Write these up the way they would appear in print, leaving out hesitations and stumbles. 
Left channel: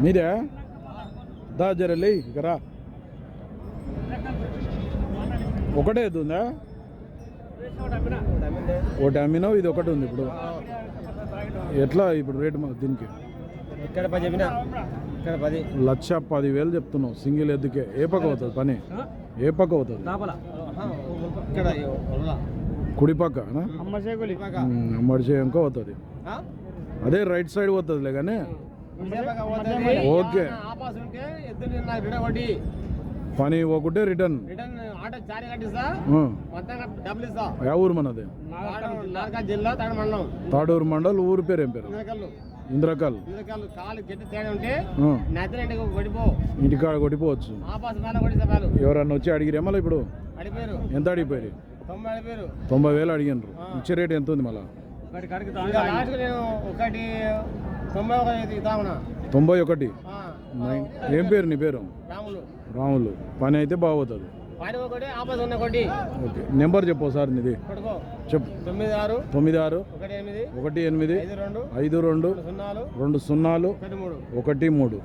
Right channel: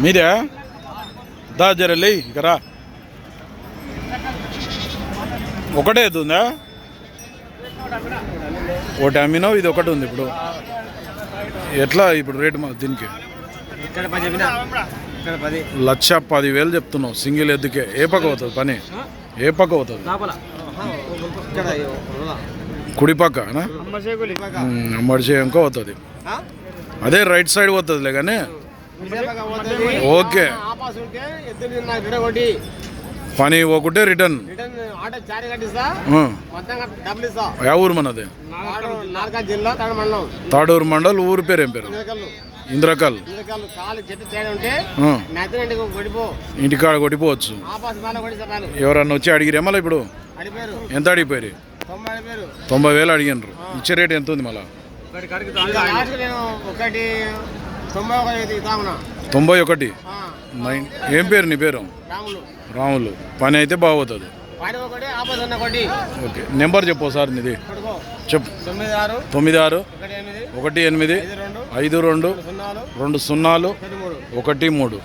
మీరే దా జరలే ఇకరా ఒకటే ఎద్దుందా ఒకటి అమ్మినావు ఇది ఒకటి ఉంది ఇప్పుడు ఎట్లా ఇప్పుడు రేటు దీనికి 1,10,000 చెప్తున్నావు సింగిల్ ఎద్దుకే ఏ పక్క అవుతుంది పని ఏ పక్క అవుతుంది కుడి పక్క అమ్మడిచే ఇంకో అవుతుంది అదే రైట్ సైడ్ పోతుందిలే కానీ ఓకే పని ఒకటే రిటర్న్ యా ఊరు మనది తాడూరు మండల్ ఊరు పేరు ఏం పేరు ఇంద్రకల్ ఇంటికాడ కొట్టిపోవచ్చు ఎవరన్నా వచ్చి అడిగిరేమలా ఇప్పుడు ఎంత అడిగిపోయారు 90,000 అడిగినారు ఇచ్చే రేట్ ఎంత ఉంది మళ్ళా 91 ఏం పేరు నీ పేరు రాములు పని అయితే బాగుతుంది ఓకే నెంబర్ చెప్పు సార్ నీది చెప్పు 96-852-52-20-13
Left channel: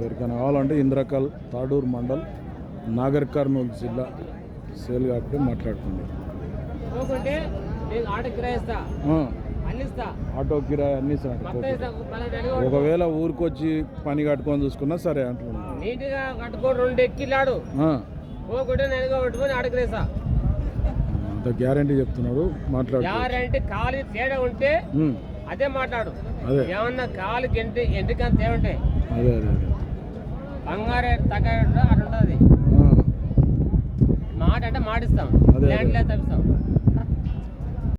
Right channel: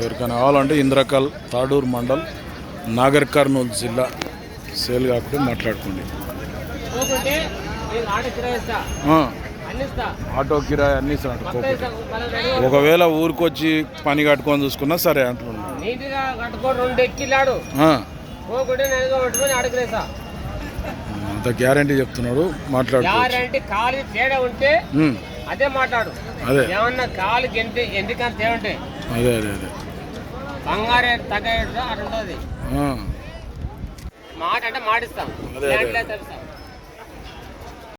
ఎవరికైనా కావాలంటే ఇంద్రకల్ తాడూరు మండల్ నాగర్ కర్నూలు జిల్లా సేల్ కాకుండా మాట్లాడుకోండి ఆటో కిరాయి అన్ని ఒకవేళ ఊరికొచ్చి పని కట్టుకొని చూసుకున్నా సరే అంటున్నాను అంత గ్యారంటీ చెప్తున్నాడు మాట్లాడు అదే మాట్లాడు అదే ఏమన్నా కాలు ఎందుకని తేవంటే అదే అదే అదే బంగారే తగ్గ మాట అంటే మాటిస్తాం అదే తెలుస్తాం